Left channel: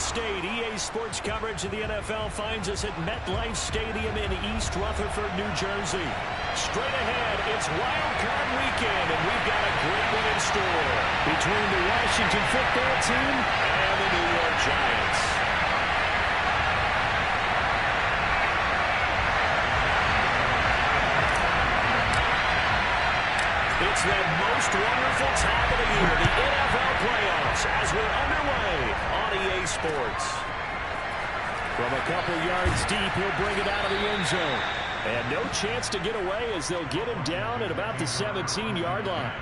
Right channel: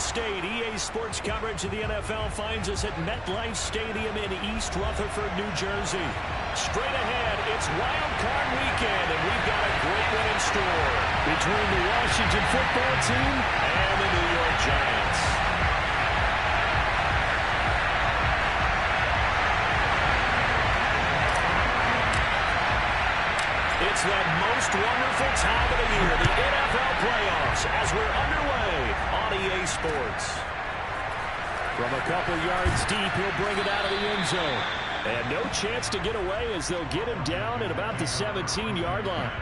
State. EA Sports coverage of the NFL finds us at MetLife Stadium in East Rutherford, New Jersey. Straight ahead, it's Wildcard weekend, and we've got a great one in store between the Washington football team and the New York Giants. It's that most wonderful time of the year, the NFL playoffs, as we're underway on EA Sports. From a couple yards deep, he'll bring it out of the end zone. And no chance to get away as they'll get him down at about the 17-yard line.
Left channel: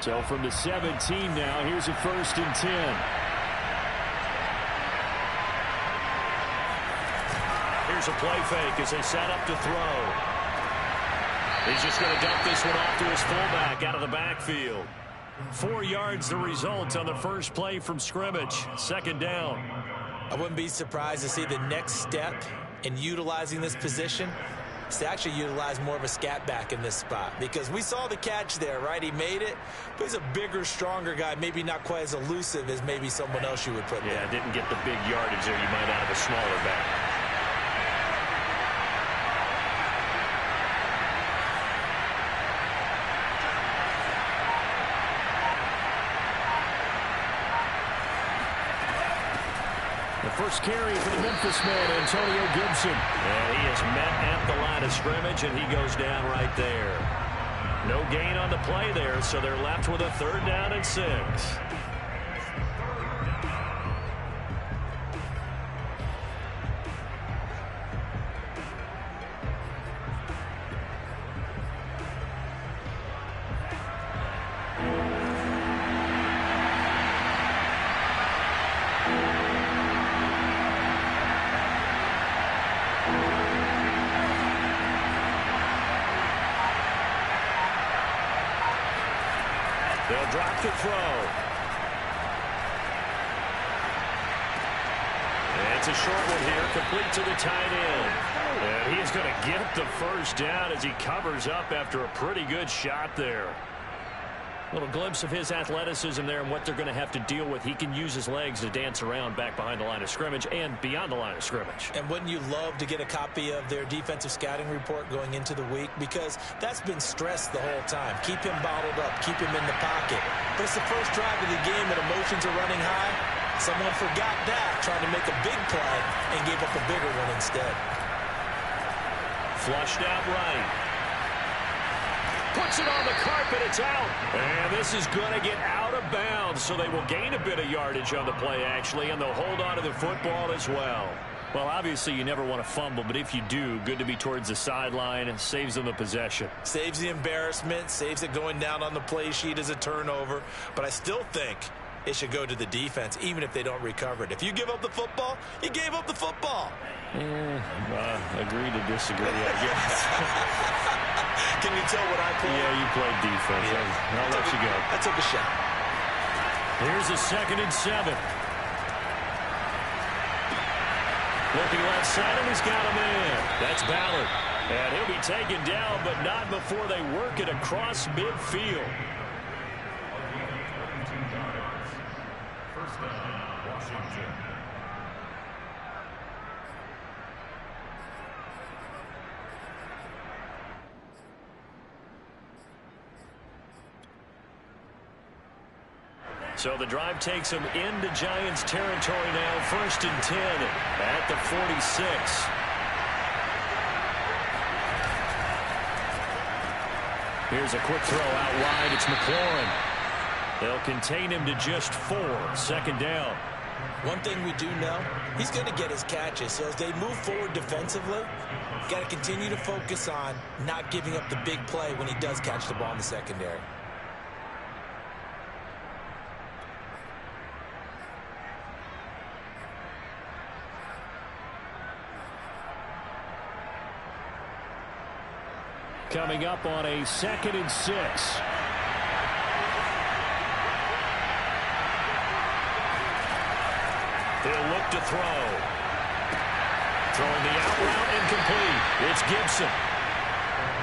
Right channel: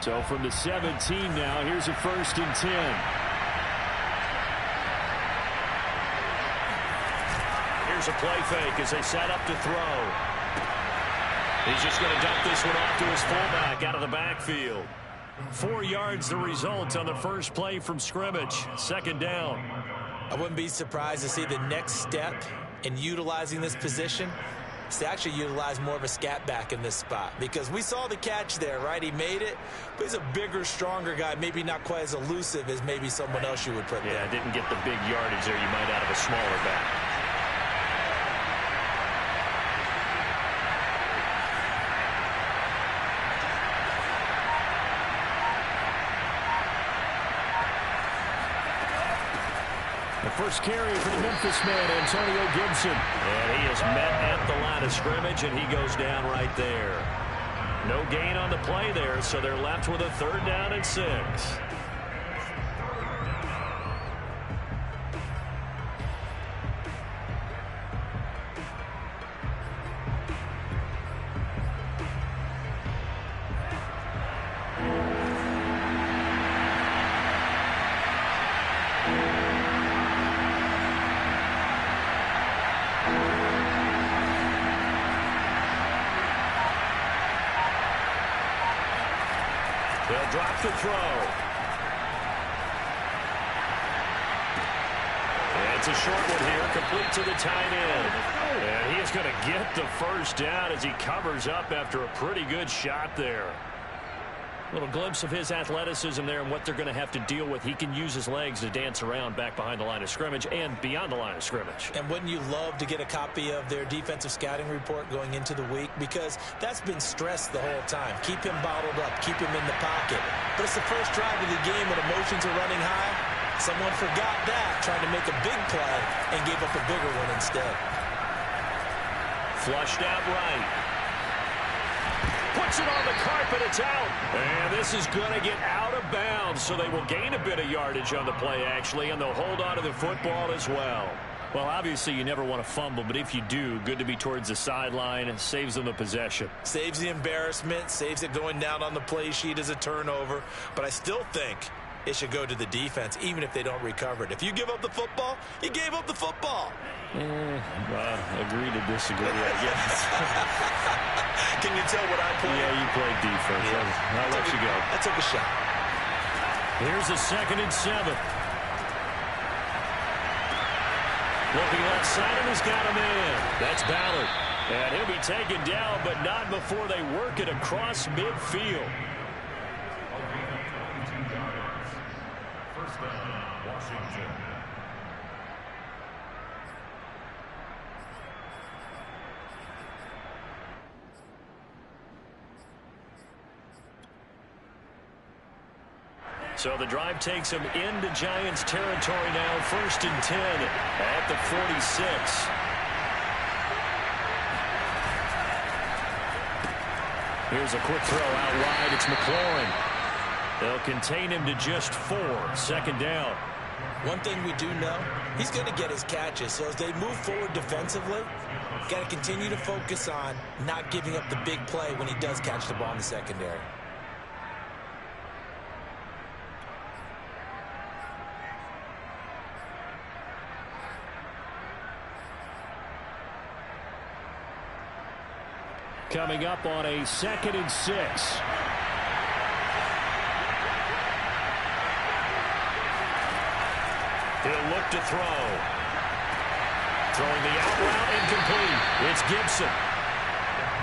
So from the 17 now, here's a 1st and 10. Here's a play fake as they set up to throw. He's just going to dump this one off to his fullback out of the backfield. 4 yards the result on the first play from scrimmage. 2nd down. I wouldn't be surprised to see the next step in utilizing this position is to actually utilize more of a scat back in this spot, because we saw the catch there, right? He made it, but he's a bigger, stronger guy, maybe not quite as elusive as maybe someone else you would put there. Yeah, didn't get the big yardage there you might out of a smaller back. The first carry for the Memphis man, Antonio Gibson. And he is met at the line of scrimmage, and he goes down right there. No gain on the play there, so they're left with a 3rd down and 6. They'll drop to throw. It's a short one here, complete to the tight end. And he is going to get the 1st down as he covers up after a pretty good shot there. Little glimpse of his athleticism there and what they're going to have to deal with. He can use his legs to dance around back behind the line of scrimmage and beyond the line of scrimmage. And wouldn't you love to get a copy of their defensive scouting report going into the week? Because that's been stressed the whole time. Keep him bottled up. Keep him in the pocket. But it's the first drive of the game and emotions are running high. Someone forgot that, trying to make a big play and gave up a bigger one instead. Flushed out right. Puts it on the carpet, it's out. And this is going to get out of bounds, so they will gain a bit of yardage on the play, actually, and they'll hold on to the football as well. Well, obviously, you never want to fumble, but if you do, good to be towards the sideline. It saves them the possession. Saves the embarrassment, saves it going down on the play sheet as a turnover. But I still think it should go to the defense, even if they don't recover it. If you give up the football, you gave up the football. Agree to disagree, I guess. Can you tell what I played? Yeah, you played defense. Yeah. I'll let you go. I took a shot. Here's a 2nd and 7. Looking left side, and he's got a man. That's Ballard. And he'll be taken down, but not before they work it across midfield. 1st down, Washington. So the drive takes them into Giants territory now. 1st and 10 at the 46. Here's a quick throw out wide. It's McLaurin. They'll contain him to just 4. 2nd down. One thing we do know, he's going to get his catches. So as they move forward defensively, got to continue to focus on not giving up the big play when he does catch the ball in the secondary. Coming up on a 2nd and 6. He'll look to throw. Throwing the out route incomplete. It's Gibson.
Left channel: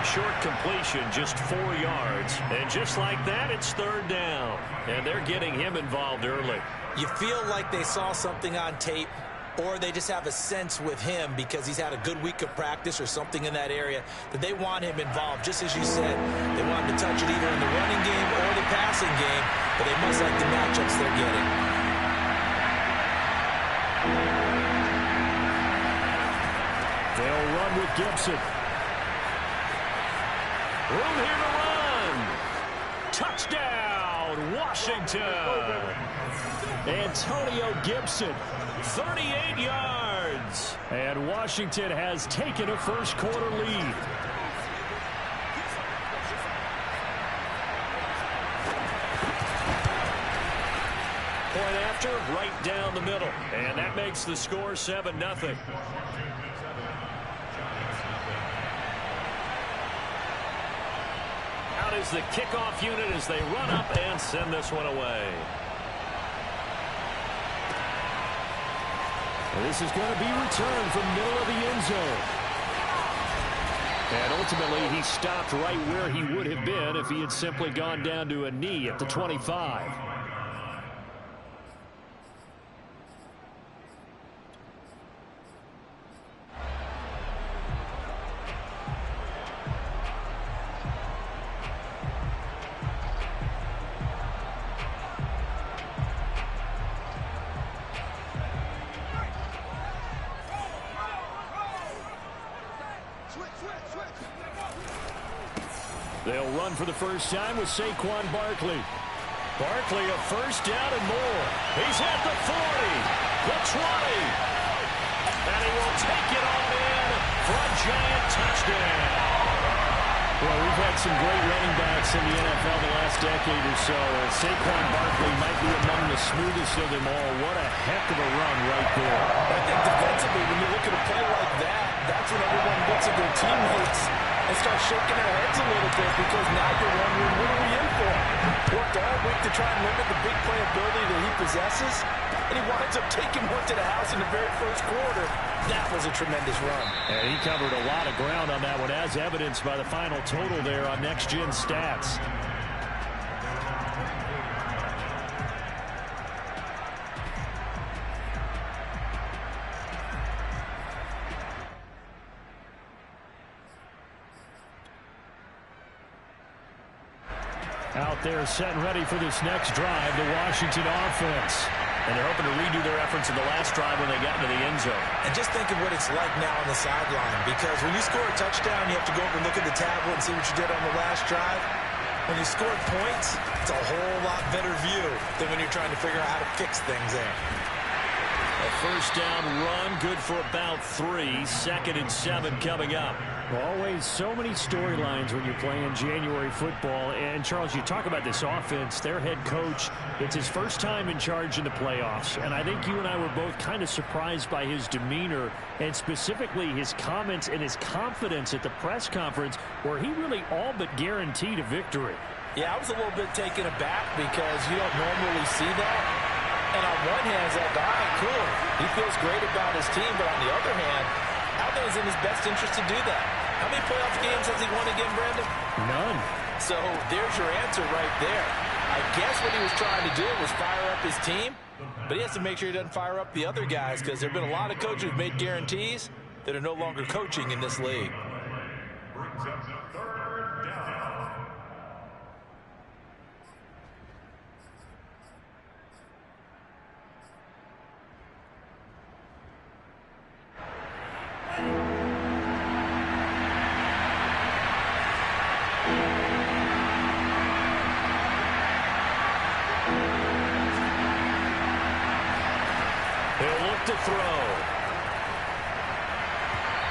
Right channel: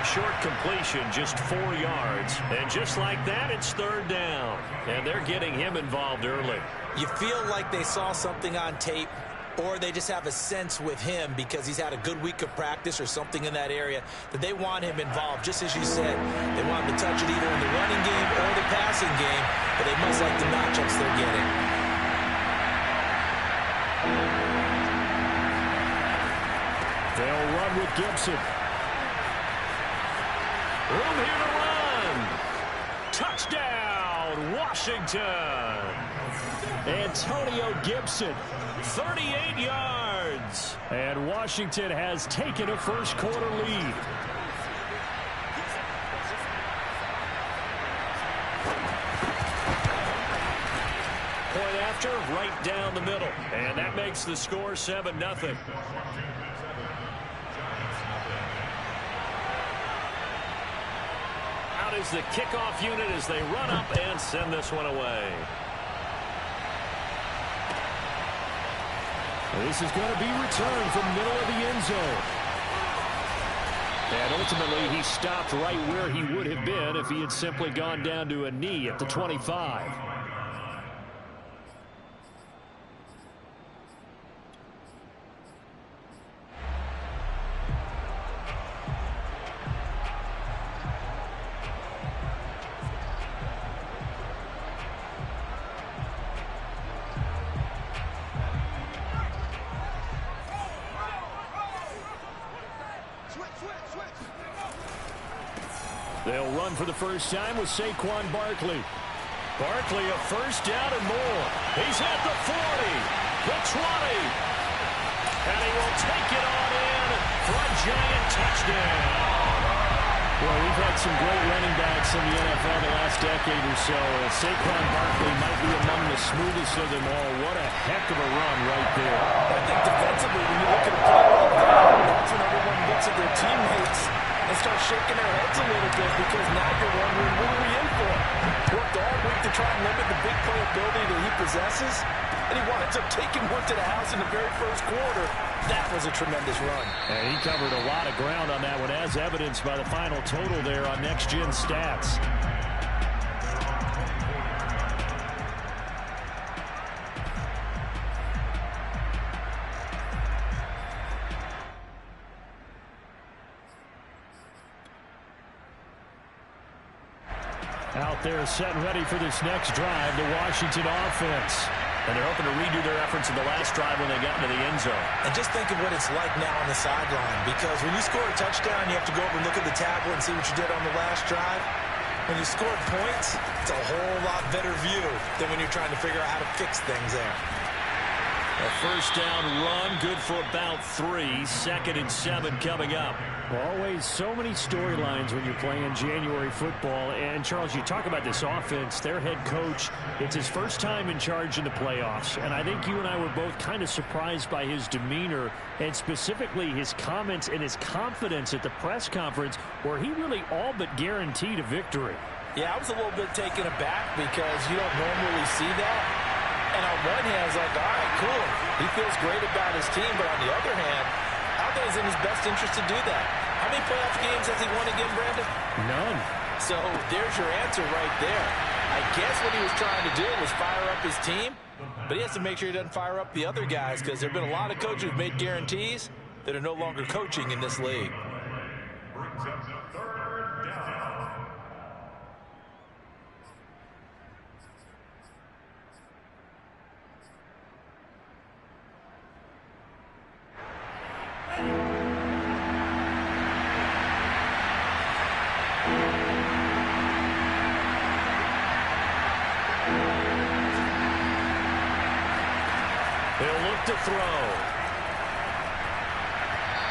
Short completion, just 4 yards. And just like that, it's third down. And they're getting him involved early. You feel like they saw something on tape, or they just have a sense with him because he's had a good week of practice or something in that area that they want him involved. Just as you said, they want him to touch it either in the running game or the passing game, but they must like the matchups they're getting. They'll run with Gibson. Room here to run. Touchdown, Washington. Antonio Gibson, 38 yards. And Washington has taken a first-quarter lead. Point after, right down the middle. And that makes the score 7-0. Out is the kickoff unit as they run up and send this one away. And this is going to be returned from middle of the end zone. And ultimately, he stopped right where he would have been if he had simply gone down to a knee at the 25. They'll run for the first time with Saquon Barkley. Barkley a first down and more. He's at the 40, the 20. And he will take it on in for a giant touchdown. Well, we've had some great running backs in the NFL the last decade or so. Saquon Barkley might be among the smoothest of them all. What a heck of a run right there. I think defensively, when you look at a play like that, that's when everyone looks at their teammates and start shaking their heads a little bit because now you're wondering, what are we in for? Worked all week to try and limit the big playability that he possesses, and he winds up taking one to the house in the very first quarter. That was a tremendous run. And he covered a lot of ground on that one, as evidenced by the final total there on Next Gen Stats. Out there set and ready for this next drive, the Washington offense. And they're hoping to redo their efforts in the last drive when they got into the end zone. And just think of what it's like now on the sideline, because when you score a touchdown, you have to go over and look at the tablet and see what you did on the last drive. When you scored points, it's a whole lot better view than when you're trying to figure out how to fix things there. A first down run, good for about 3. 2nd and 7 coming up. Always so many storylines when you're playing January football. And, Charles, you talk about this offense, their head coach, it's his first time in charge in the playoffs. And I think you and I were both kind of surprised by his demeanor and specifically his comments and his confidence at the press conference where he really all but guaranteed a victory. Yeah, I was a little bit taken aback because you don't normally see that. And on one hand, it's like, all right, cool. He feels great about his team. But on the other hand, I don't think it's in his best interest to do that. How many playoff games has he won again, Brandon? None. So there's your answer right there. I guess what he was trying to do was fire up his team. But he has to make sure he doesn't fire up the other guys because there have been a lot of coaches who've made guarantees that are no longer coaching in this league. He'll look to throw.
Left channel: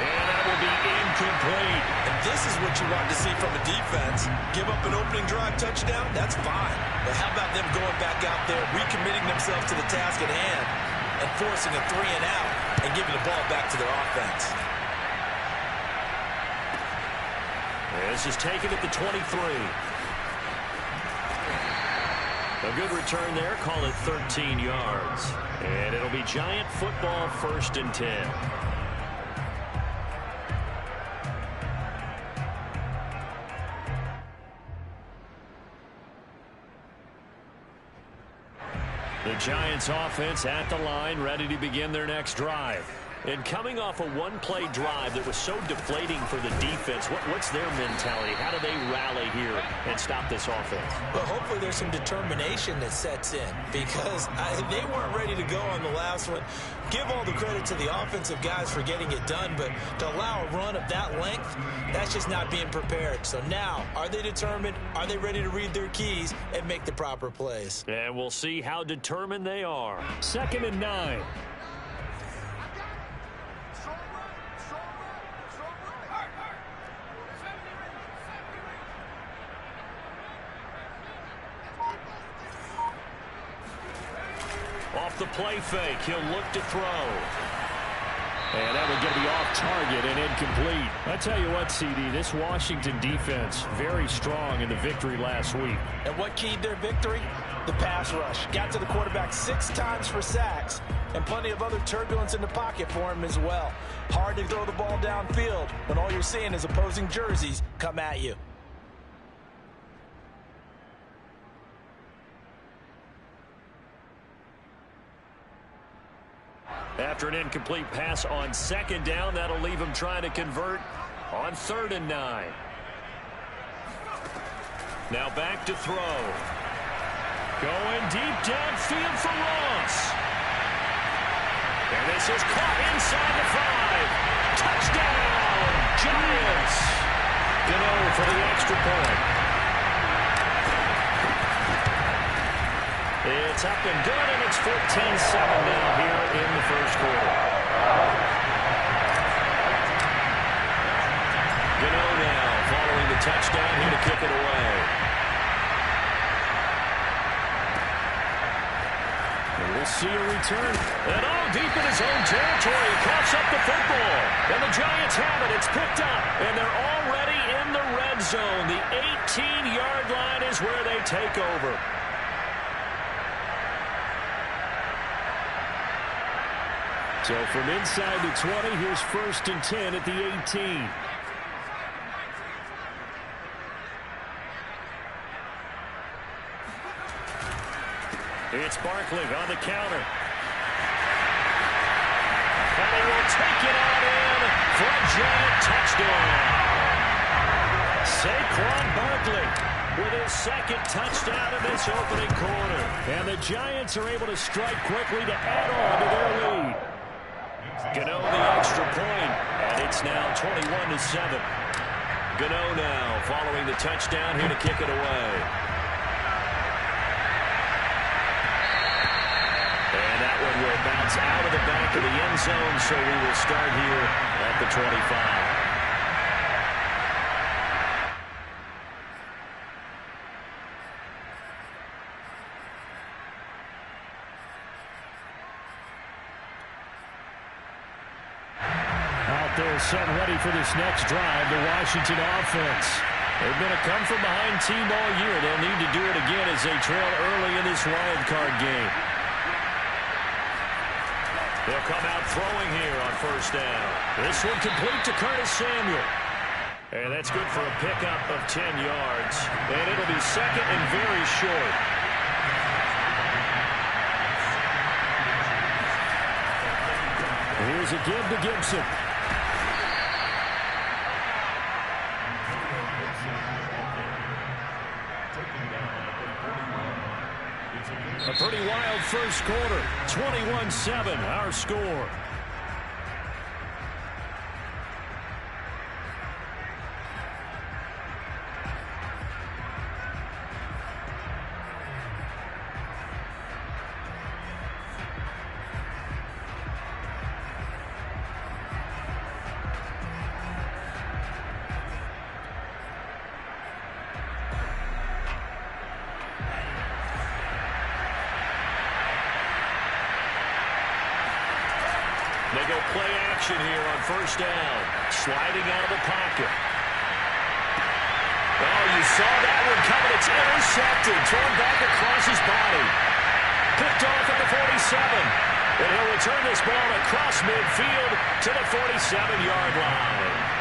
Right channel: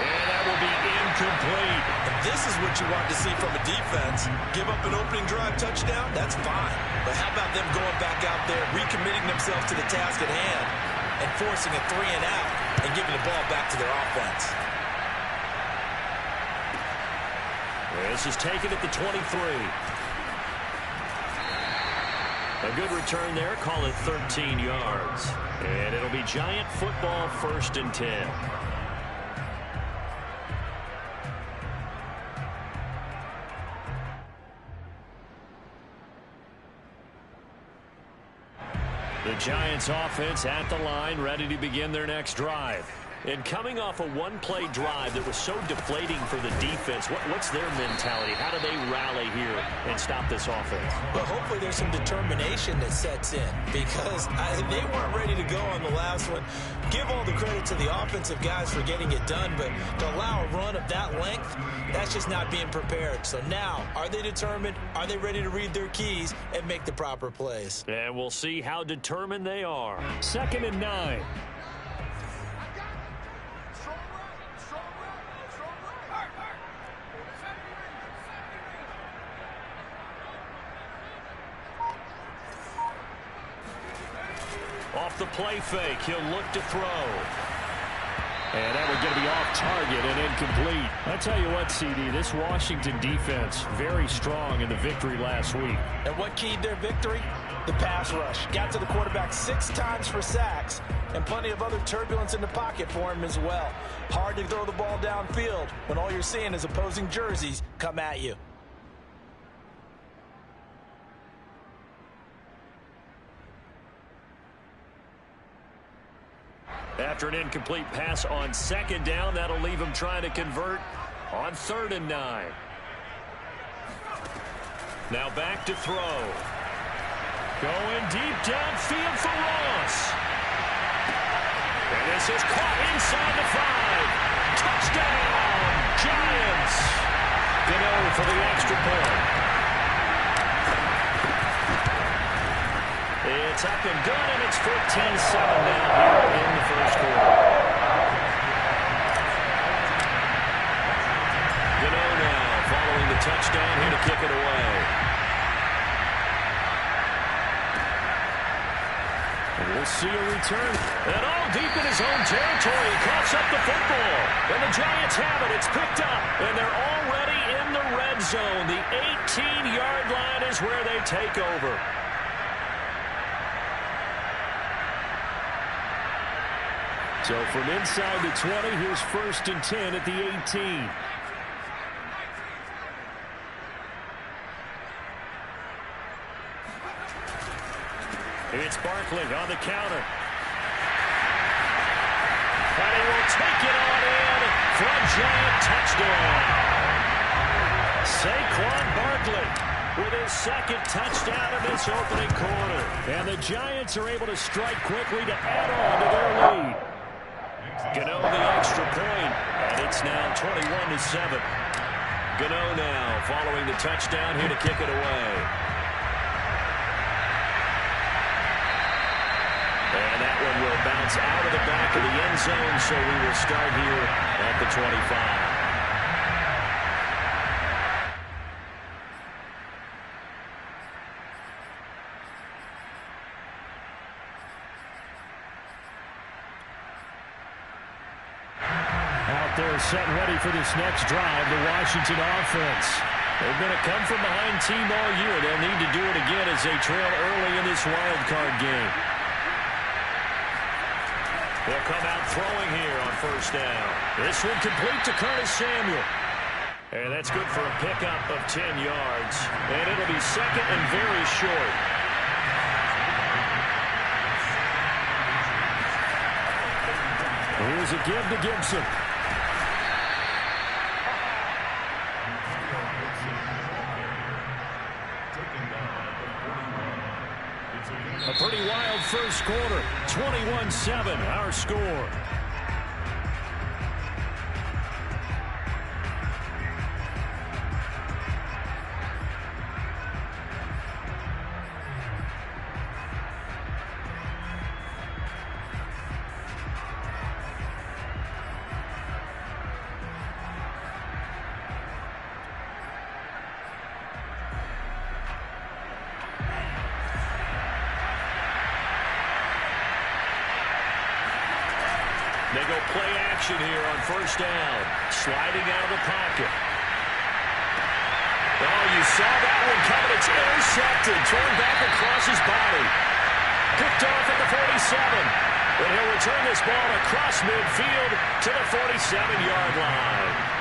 And that will be incomplete. And this is what you want to see from a defense. Give up an opening drive touchdown, that's fine. But how about them going back out there, recommitting themselves to the task at hand, and forcing a 3 and out, and giving the ball back to their offense. This is taken at the 23. A good return there. Call it 13 yards. And it'll be Giant football, 1st and 10. The Giants offense at the line, ready to begin their next drive. And coming off a one-play drive that was so deflating for the defense, what's their mentality? How do they rally here and stop this offense? Well, hopefully there's some determination that sets in because they weren't ready to go on the last one. Give all the credit to the offensive guys for getting it done, but to allow a run of that length, that's just not being prepared. So now, are they determined? Are they ready to read their keys and make the proper plays? And we'll see how determined they are. 2nd and 9. Off the play fake, he'll look to throw. And that one's going to be off target and incomplete. I tell you what, CD, this Washington defense, very strong in the victory last week. And what keyed their victory? The pass rush. Got to the quarterback 6 times for sacks, and plenty of other turbulence in the pocket for him as well. Hard to throw the ball downfield when all you're seeing is opposing jerseys come at you. After an incomplete pass on 2nd down, that'll leave him trying to convert on 3rd and 9. Now back to throw. Going deep downfield for Ross. And this is caught inside the 5. Touchdown, Giants. Gano for the extra point. It's up and good, and it's 14-7 now here in the 1st quarter. Gano now following the touchdown here to kick it away. And we'll see a return. And all deep in his own territory. He coughs up the football. And the Giants have it. It's picked up. And they're already in the red zone. The 18-yard line is where they take over. So from inside the 20, here's 1st and 10 at the 18. It's Barkley on the counter. And he will take it on in for a Giant touchdown. Saquon Barkley with his 2nd touchdown of this opening quarter. And the Giants are able to strike quickly to add on to their lead. Gano the extra point, and it's now 21-7. Gano now following the touchdown here to kick it away. And that one will bounce out of the back of the end zone, so we will start here at the 25. They're set ready for this next drive, the Washington offense. They've been a come-from-behind team all year. They'll need to do it again as they trail early in this wild card game. They'll come out throwing here on 1st down. This one complete to Curtis Samuel. And that's good for a pickup of 10 yards. And it'll be 2nd and very short. Here's a give to Gibson. A pretty wild 1st quarter. 21-7, our score. They go play action here on 1st down. Sliding out of the pocket. Oh, you saw that one coming. It's intercepted. Thrown back across his body. Picked off at the 47. And he'll return this ball across midfield to the 47-yard line.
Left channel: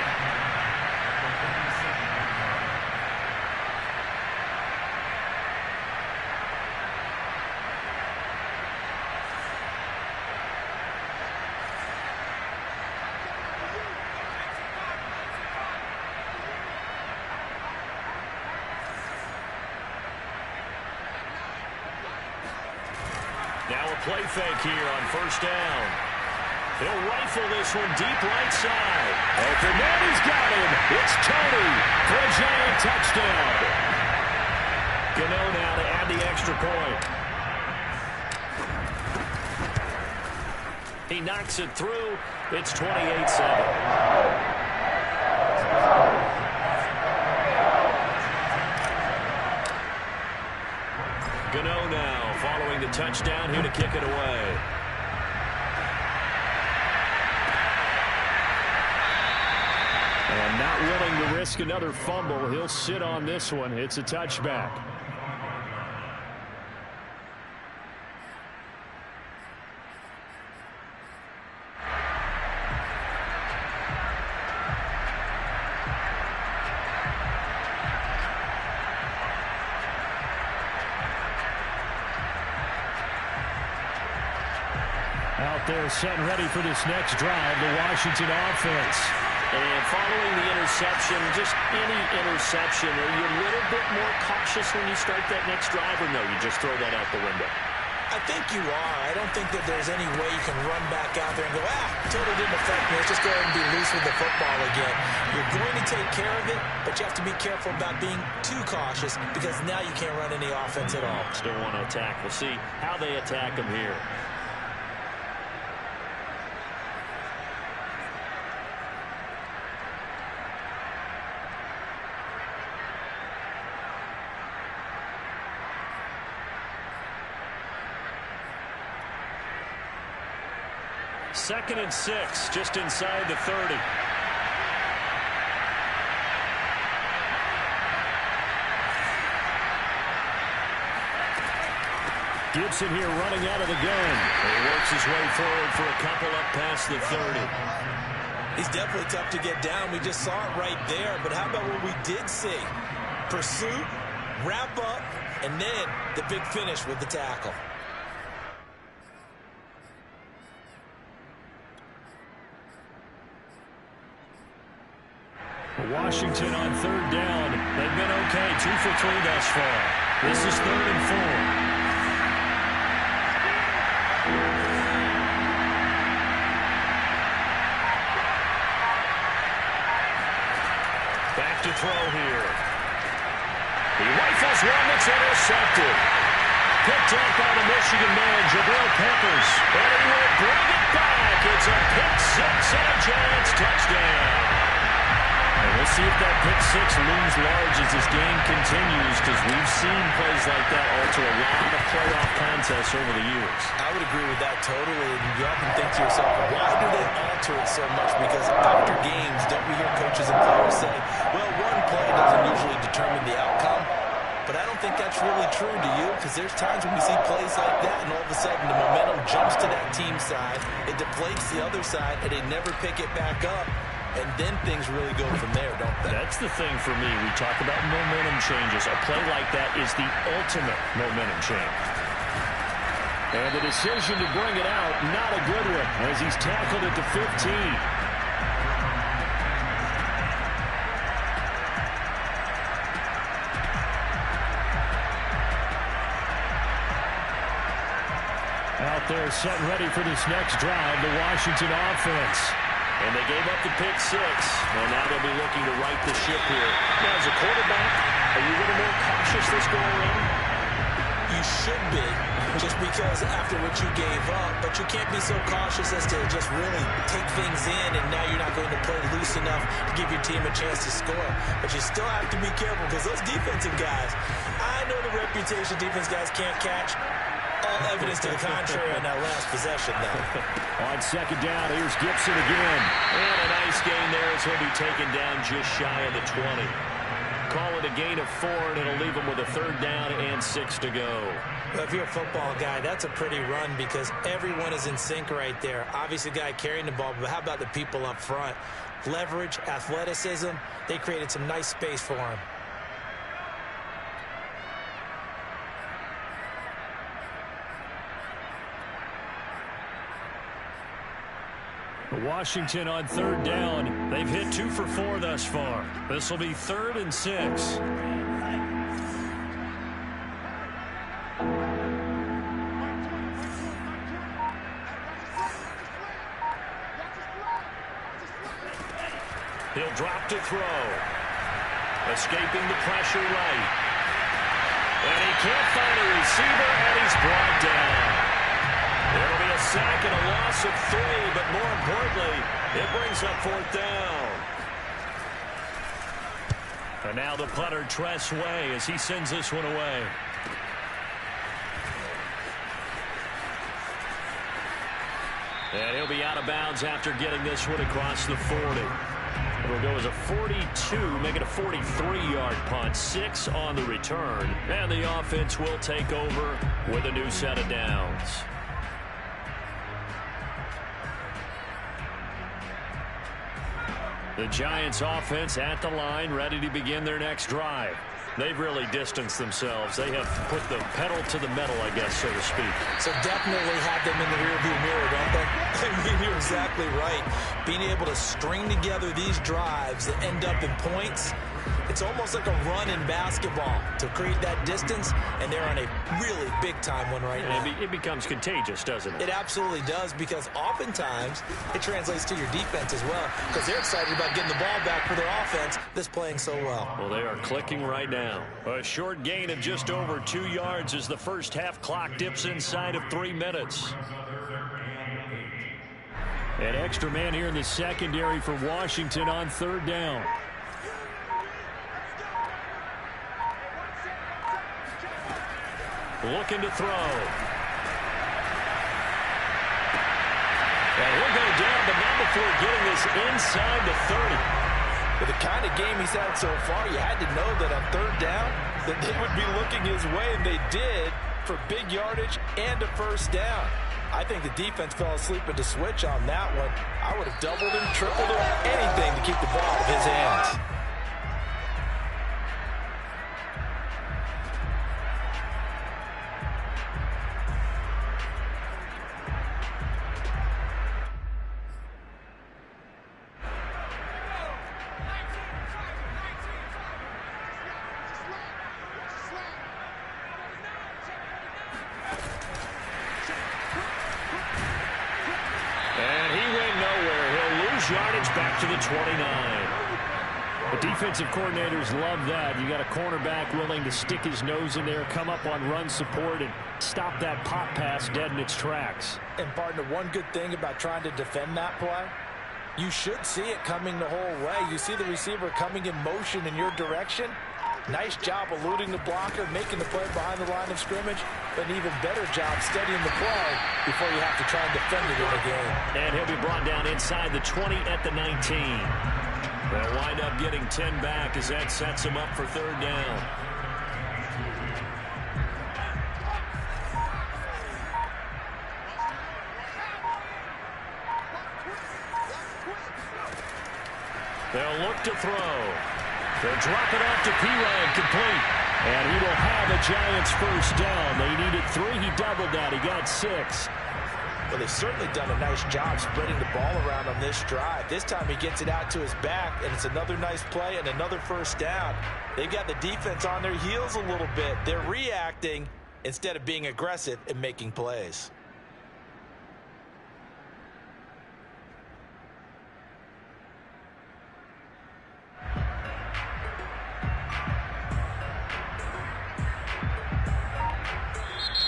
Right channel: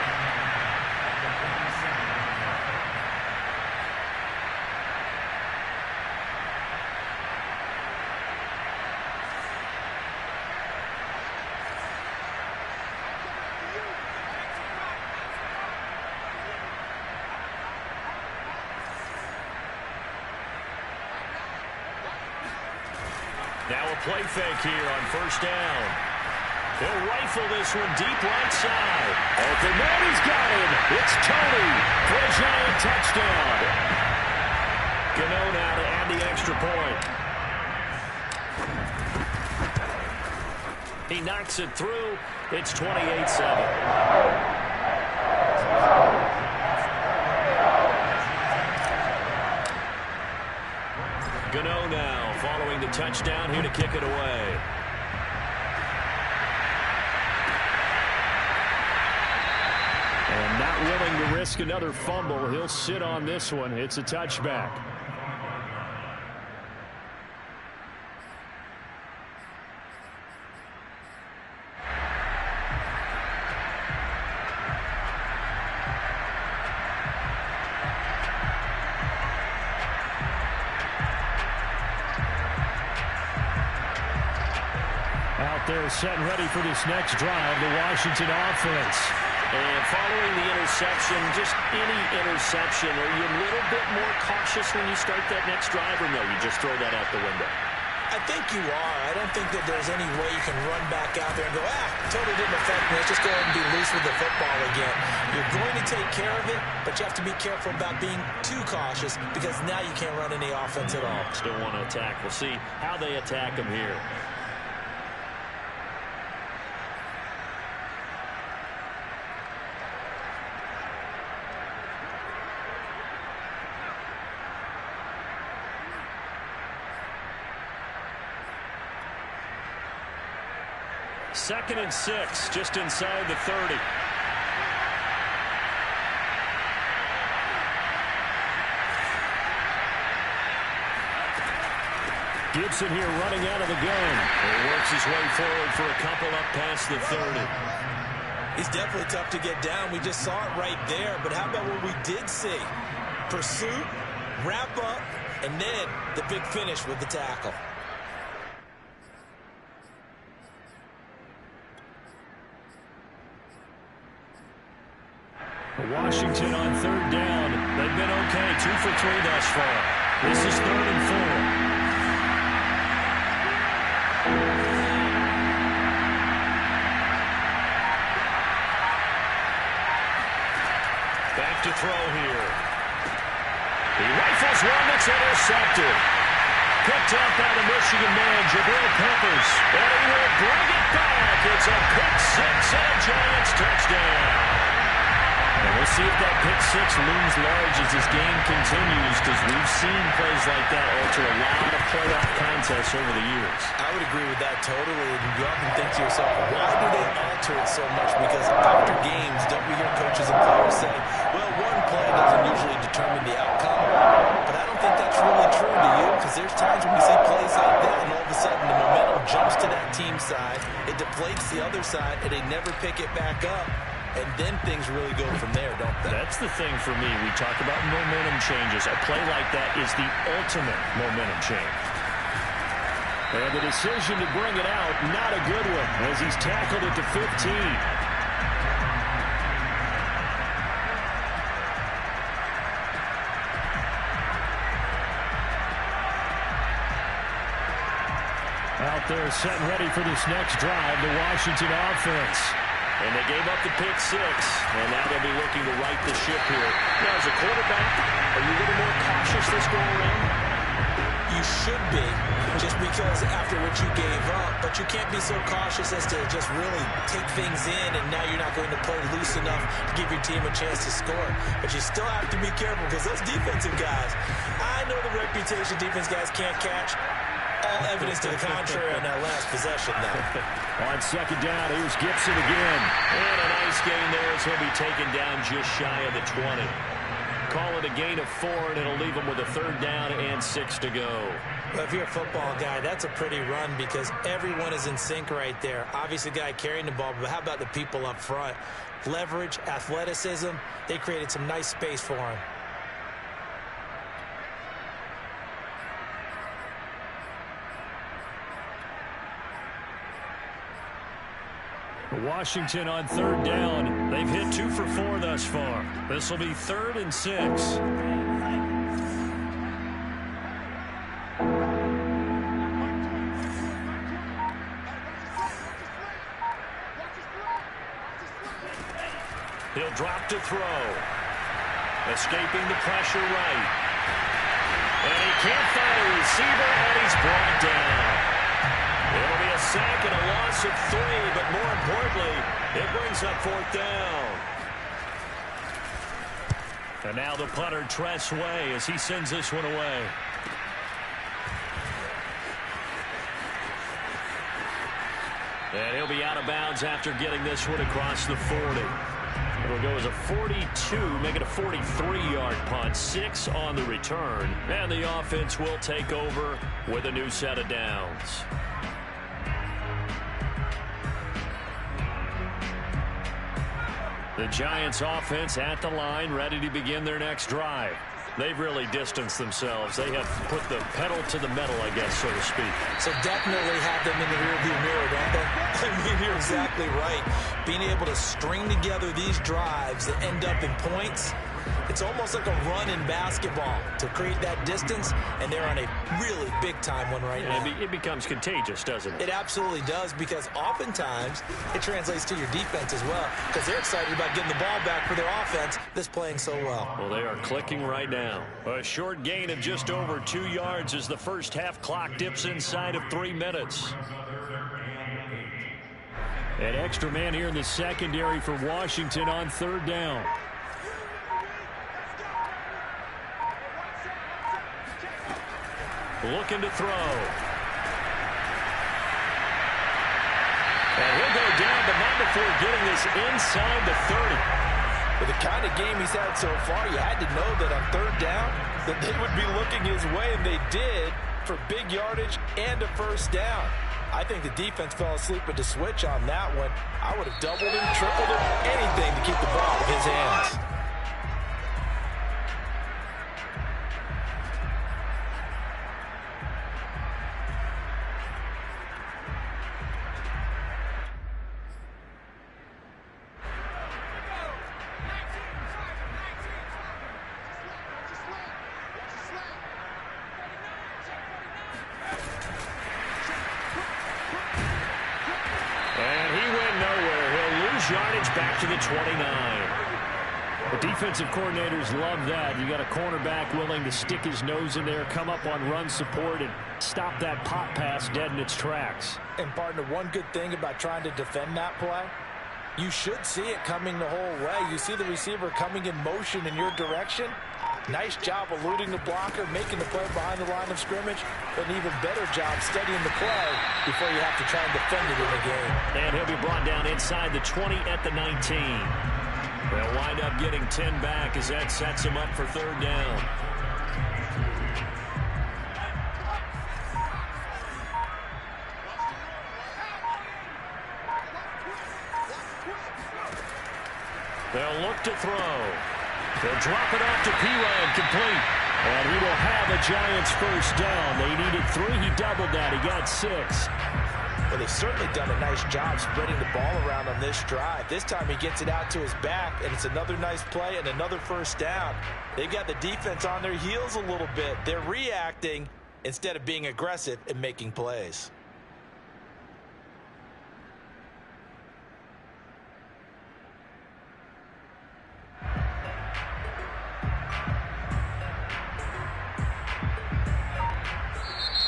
Now a play fake here on first down. He'll rifle this one deep right side. Open man, he's got him. It's Tony for a giant touchdown. Gano now to add the extra point. He knocks it through. It's 28-7. Gano now following the touchdown here to kick it away. And not willing to risk another fumble. He'll sit on this one. It's a touchback. Out there set and ready for this next drive, the Washington offense. And following the interception, just any interception, are you a little bit more cautious when you start that next drive, or no, you just throw that out the window? I think you are. I don't think that there's any way you can run back out there and go, totally didn't affect me. Let's just go ahead and be loose with the football again. You're going to take care of it, but you have to be careful about being too cautious because now you can't run any offense at all. Still want to attack. We'll see how they attack him here. Second and 6, just inside the 30. Gibson here running out of the gun. He works his way forward for a couple up past the 30. He's definitely tough to get down. We just saw it right there. But how about what we did see? Pursuit, wrap up, and then the big finish with the tackle. Washington on third down. They've been okay. 2 for 3 thus far. This is 3rd and 4. Back to throw here. He rifles one that's intercepted. Picked up by the Michigan man, Jabril Peppers. And he will bring it back. It's a pick six and a Giants touchdown. And we'll see if that pick six looms large as this game continues, because we've seen plays like that alter a lot of playoff contests over the years. I would agree with that totally. And you often think to yourself, why do they alter it so much? Because after games, don't we hear coaches and players say, well, one play doesn't usually determine the outcome. But I don't think that's really true to you, because there's times when we see plays like that, and all of a sudden the momentum jumps to that team side, it deflates the other side, and they never pick it back up. And then things really go from there, don't they? That's the thing for me. We talk about momentum changes. A play like that is the ultimate momentum change. And the decision to bring it out, not a good one, as he's tackled at the 15. Out there set and ready for this next drive, the Washington offense. And they gave up the pick six, and now they'll be looking to right the ship here. Now, as a quarterback, are you a little more cautious this go around? You should be, just because after what you gave up, but you can't be so cautious as to just really take things in, and now you're not going to play loose enough to give your team a chance to score. But you still have to be careful, because those defensive guys, I know the reputation defense guys can't catch. All evidence to the contrary on that last possession, though. On second down, here's Gibson again. And a nice gain there as he'll be taken down just shy of the 20. call it a gain of 4, and it'll leave them with a 3rd down and 6 to go. Well, if you're a football guy, that's a pretty run because everyone is in sync right there. Obviously, the guy carrying the ball, but how about the people up front? Leverage, athleticism, they created some nice space for him. Washington on 3rd down. They've hit 2 for 4 thus far. This will be 3rd and 6. He'll drop to throw. Escaping the pressure right. And he can't find a receiver, and he's brought down. It'll be a sack and a loss of 3, but more importantly, it brings up 4th down. And now the punter, Tress Way, as he sends this one away. And he'll be out of bounds after getting this one across the 40. It'll go as a 42, make it a 43-yard punt, 6 on the return. And the offense will take over with a new set of downs. The Giants offense at the line, ready to begin their next drive. They've really distanced themselves. They have put the pedal to the metal, I guess, so to speak. So definitely have them in the rearview mirror, don't they? I mean, you're exactly right. Being able to string together these drives that end up in points, it's almost like a run in basketball to create that distance, and they're on a really big-time one right now. It becomes contagious, doesn't it? It absolutely does, because oftentimes it translates to your defense as well, because they're excited about getting the ball back for their offense that's playing so well. Well, they are clicking right now. A short gain of just over 2 yards as the first half clock dips inside of 3 minutes. An extra man here in the secondary for Washington on 3rd down. Looking to throw. And he'll go down, but not before getting this inside the 30. With the kind of game he's had so far, you had to know that on 3rd down that they would be looking his way, and they did, for big yardage and a 1st down. I think the defense fell asleep at the switch on that one. I would have doubled him, tripled him, anything to keep the ball out of his hands. Yardage back to the 29. The defensive coordinators love that. You got a cornerback willing to stick his nose in there, come up on run support, and stop that pop pass dead in its tracks. And partner, one good thing about trying to defend that play, you should see it coming the whole way. You see the receiver coming in motion in your direction. Nice job eluding the blocker, making the play behind the line of scrimmage, but an even better job steadying the play before you have to try and defend it in the game. And he'll be brought down inside the 20 at the 19. They'll wind up getting 10 back as that sets him up for 3rd down. They'll look to throw. They'll drop it off to P-Ryan, complete. And he will have a Giants 1st down. They needed 3. He doubled that. He got 6. Well, they've certainly done a nice job spreading the ball around on this drive. This time he gets it out to his back, and it's another nice play and another 1st down. They've got the defense on their heels a little bit. They're reacting instead of being aggressive and making plays.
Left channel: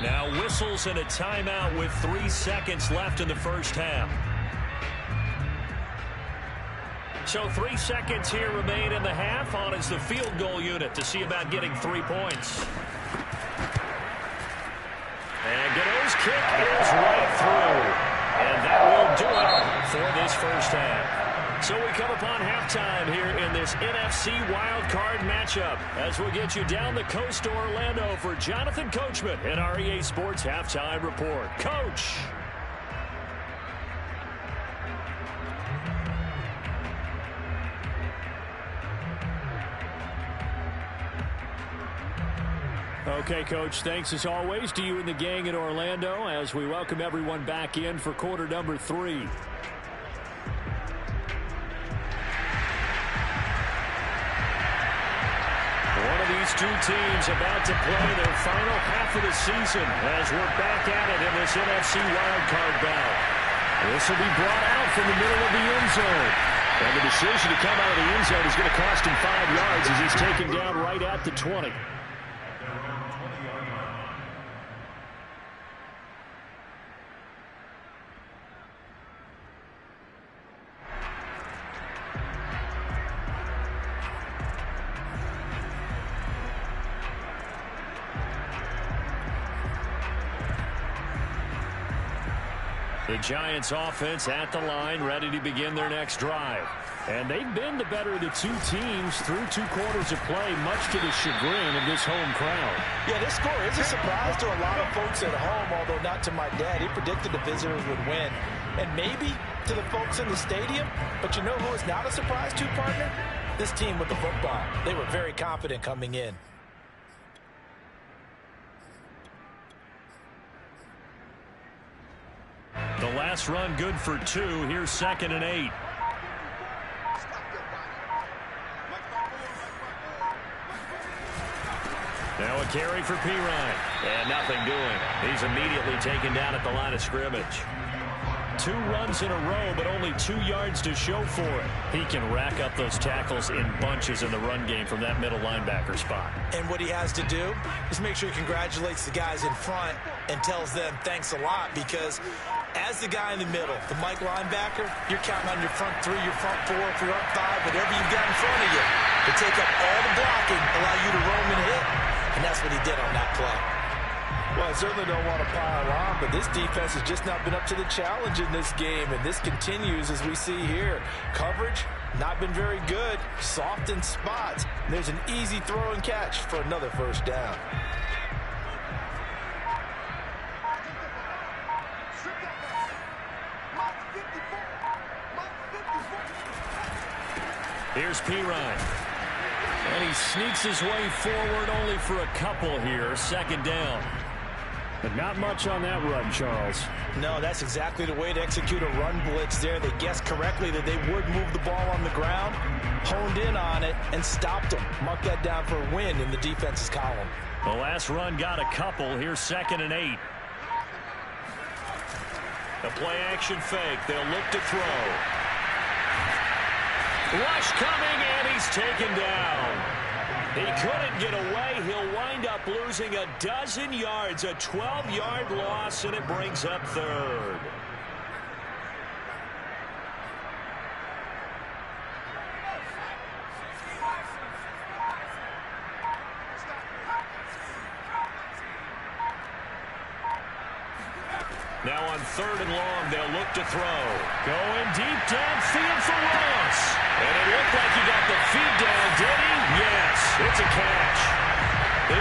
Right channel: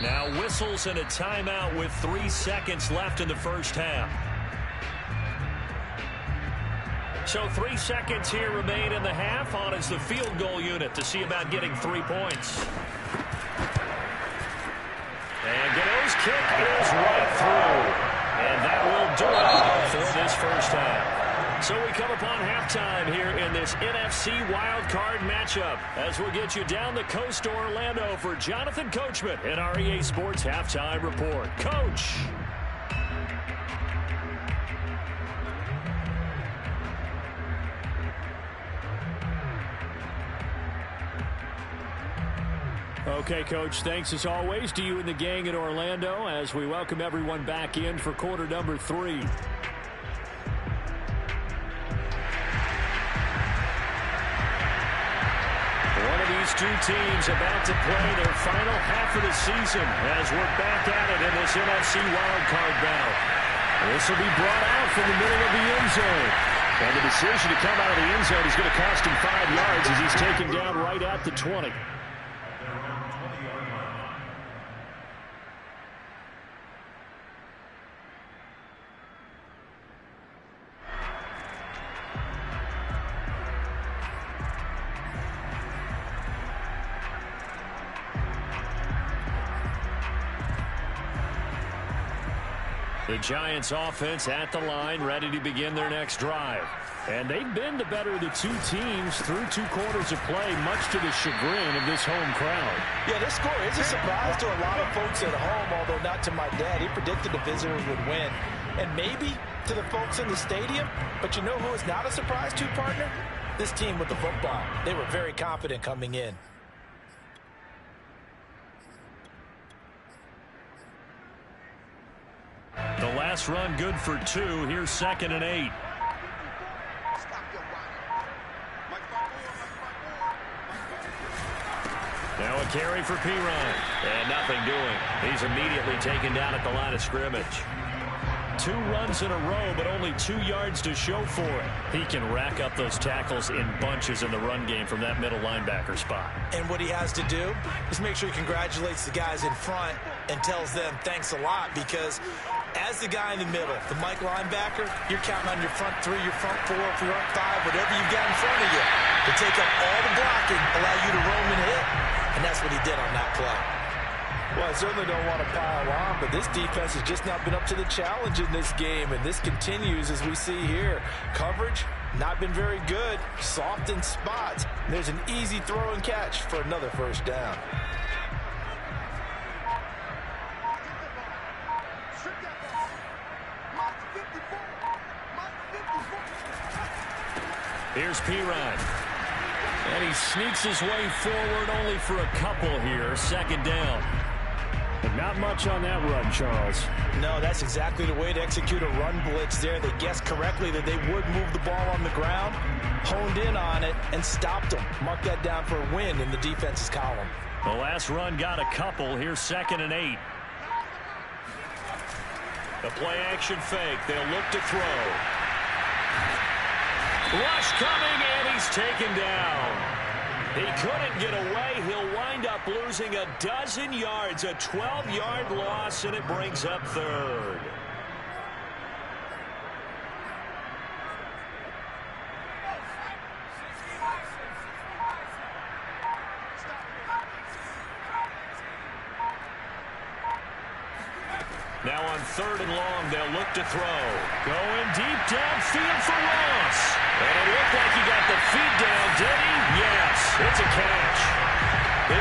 Now whistles and a timeout with 3 seconds left in the first half. So 3 seconds here remain in the half. On is the field goal unit to see about getting 3 points. And Gano's kick is right through. And that will do it for this first half. So we come upon halftime here in this NFC Wildcard matchup as we'll get you down the coast to Orlando for Jonathan Coachman and our EA Sports Halftime Report. Coach. Okay, Coach, thanks as always to you and the gang in Orlando as we welcome everyone back in for quarter number 3. One of these two teams about to play their final half of the season as we're back at it in this NFC wildcard bout. This will be brought out from the middle of the end zone. And the decision to come out of the end zone is going to cost him 5 yards as he's taken down right at the 20. The Giants offense at the line, ready to begin their next drive. And they've been the better of the two teams through 2 quarters of play, much to the chagrin of this home crowd. Yeah, this score is a surprise to a lot of folks at home, although not to my dad. He predicted the visitors would win. And maybe to the folks in the stadium. But you know who is not a surprise to, partner? This team with the football. They were very confident coming in. The last run good for 2. Here's 2nd and 8. Now a carry for Pirine. And nothing doing. He's immediately taken down at the line of scrimmage. 2 runs in a row, but only 2 yards to show for it. He can rack up those tackles in bunches in the run game from that middle linebacker spot. And what he has to do is make sure he congratulates the guys in front and tells them thanks a lot, because as the guy in the middle, the Mike linebacker, you're counting on your front 3, your front 4, front 5, whatever you've got in front of you to take up all the blocking, allow you to roam and hit. And that's what he did on that play. Well, I certainly don't want to pile on, but this defense has just not been up to the challenge in this game, and this continues as we see here. Coverage, not been very good, soft in spots. And there's an easy throw and catch for another first down. Here's Pirine. And he sneaks his way forward only for a couple here. 2nd down. But not much on that run, Charles. No, that's exactly the way to execute a run blitz there. They guessed correctly that they would move the ball on the ground, honed in on it, and stopped them. Mark that down for a win in the defense's column. The last run got a couple. Here's 2nd and 8. The play action fake. They'll look to throw. Rush coming, and he's taken down. He couldn't get away. He'll wind up losing a dozen yards, a 12-yard loss, and it brings up 3rd. Now on 3rd and long, they'll look to throw. Going deep downfield for Ross. And it looked like he got the feet down, did he? Yes, it's a catch.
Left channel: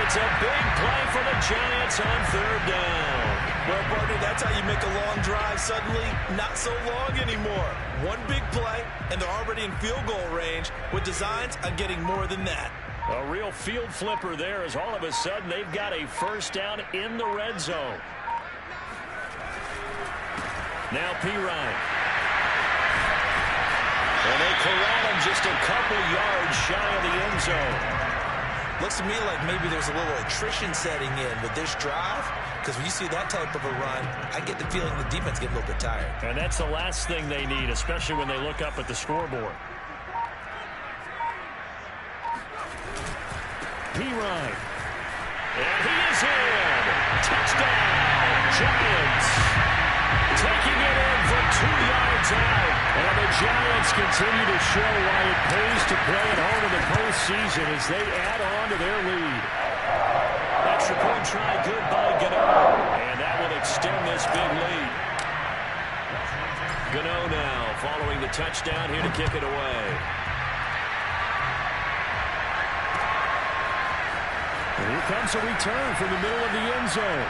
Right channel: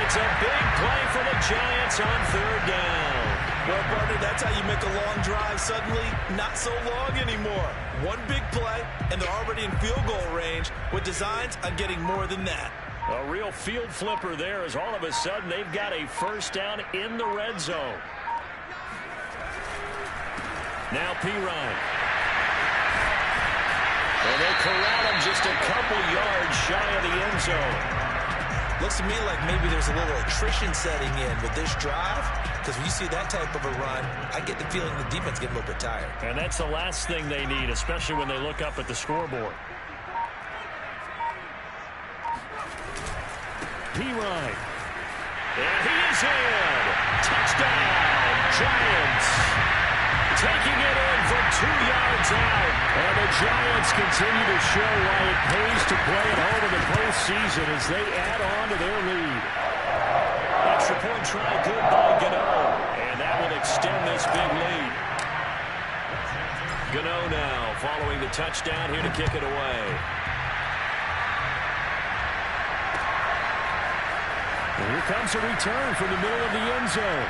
It's a big play for the Giants on 3rd down. Well, partner, that's how you make a long drive suddenly not so long anymore. One big play, and they're already in field goal range with designs on getting more than that. A real field flipper there as all of a sudden they've got a first down in the red zone. Now Pirine. And they corral him just a couple yards shy of the end zone. Looks to me like maybe there's a little attrition setting in with this drive, because when you see that type of a run, I get the feeling the defense getting a little bit tired. And that's the last thing they need, especially when they look up at the scoreboard. Pirine. And he is in. Touchdown, Giants. Taking it in from 2 yards out. And the Giants continue to show why it pays to play at home in the postseason as they add on to their lead. Extra point try good by Gano. And that will extend this big lead. Gano now following the touchdown here to kick it away. And here comes a return from the middle of the end zone.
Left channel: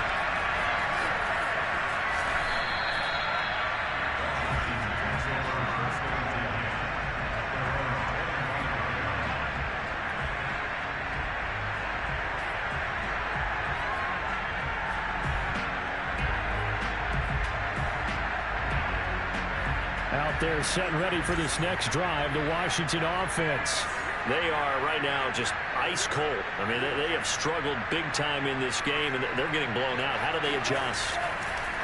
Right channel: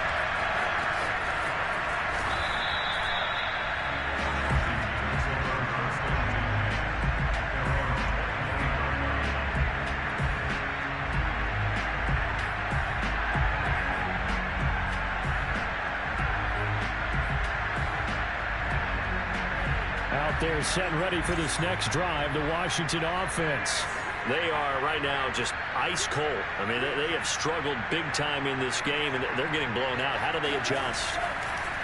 Out there set and ready for this next drive, the Washington offense. They are right now just ice cold. I mean, they have struggled big time in this game, and they're getting blown out. How do they adjust?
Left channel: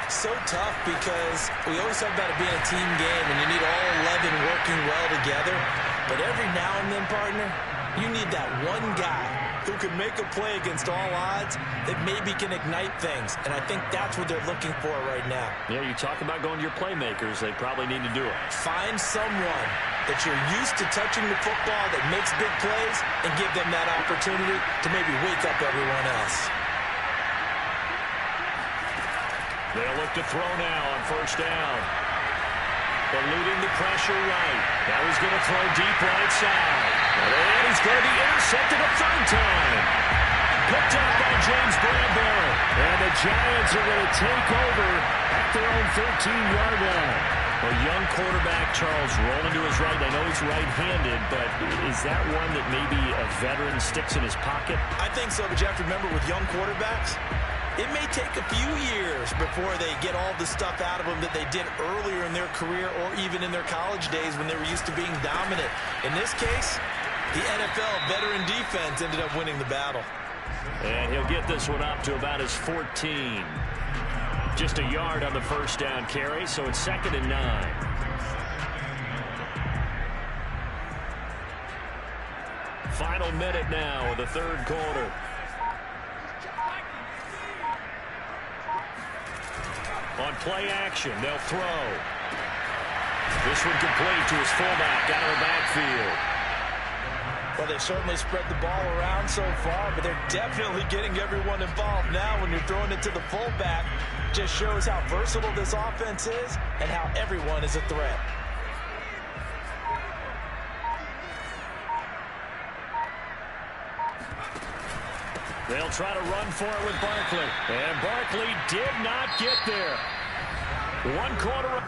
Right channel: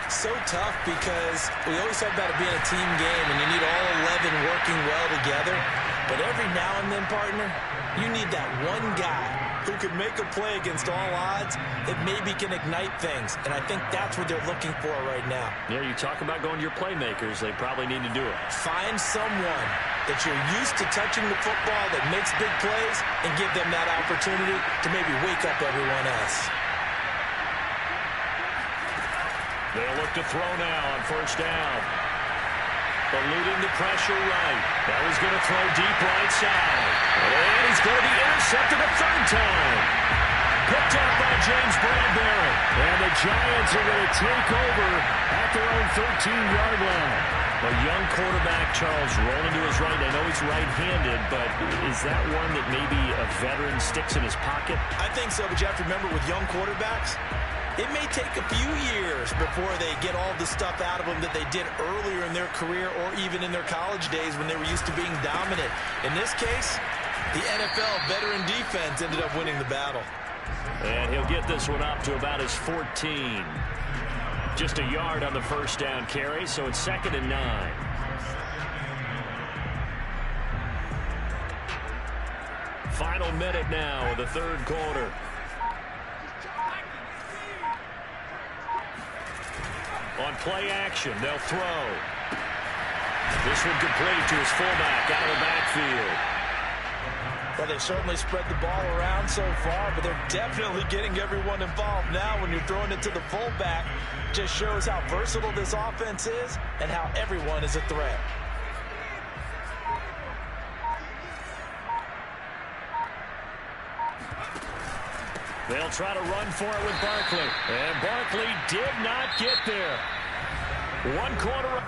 So tough because we always talk about it being a team game, and you need all 11 working well together. But every now and then, partner, you need that one guy who can make a play against all odds that maybe can ignite things. And I think that's what they're looking for right now. Yeah, you talk about going to your playmakers. They probably need to do it. Find someone that you're used to touching the football that makes big plays and give them that opportunity to maybe wake up everyone else. They'll look to throw now on first down. Eluding the pressure right. Now he's going to throw deep right side. And he's going to be intercepted a third time. Picked up by James Bradbury. And the Giants are going to take over at their own 13-yard line. Well, young quarterback Charles rolling to his right. I know he's right-handed, but is that one that maybe a veteran sticks in his pocket? I think so, but you have to remember with young quarterbacks, it may take a few years before they get all the stuff out of them that they did earlier in their career or even in their college days when they were used to being dominant. In this case, the NFL veteran defense ended up winning the battle. And he'll get this one up to about his 14. Just a yard on the first down carry, so it's 2nd and 9. Final minute now of the third quarter. On play action, they'll throw. This one complete to his fullback out of the backfield. Well, they've certainly spread the ball around so far, but they're definitely getting everyone involved now when you're throwing it to the fullback. Just shows how versatile this offense is and how everyone is a threat. They'll try to run for it with Barkley. And Barkley did not get there. 1 quarter.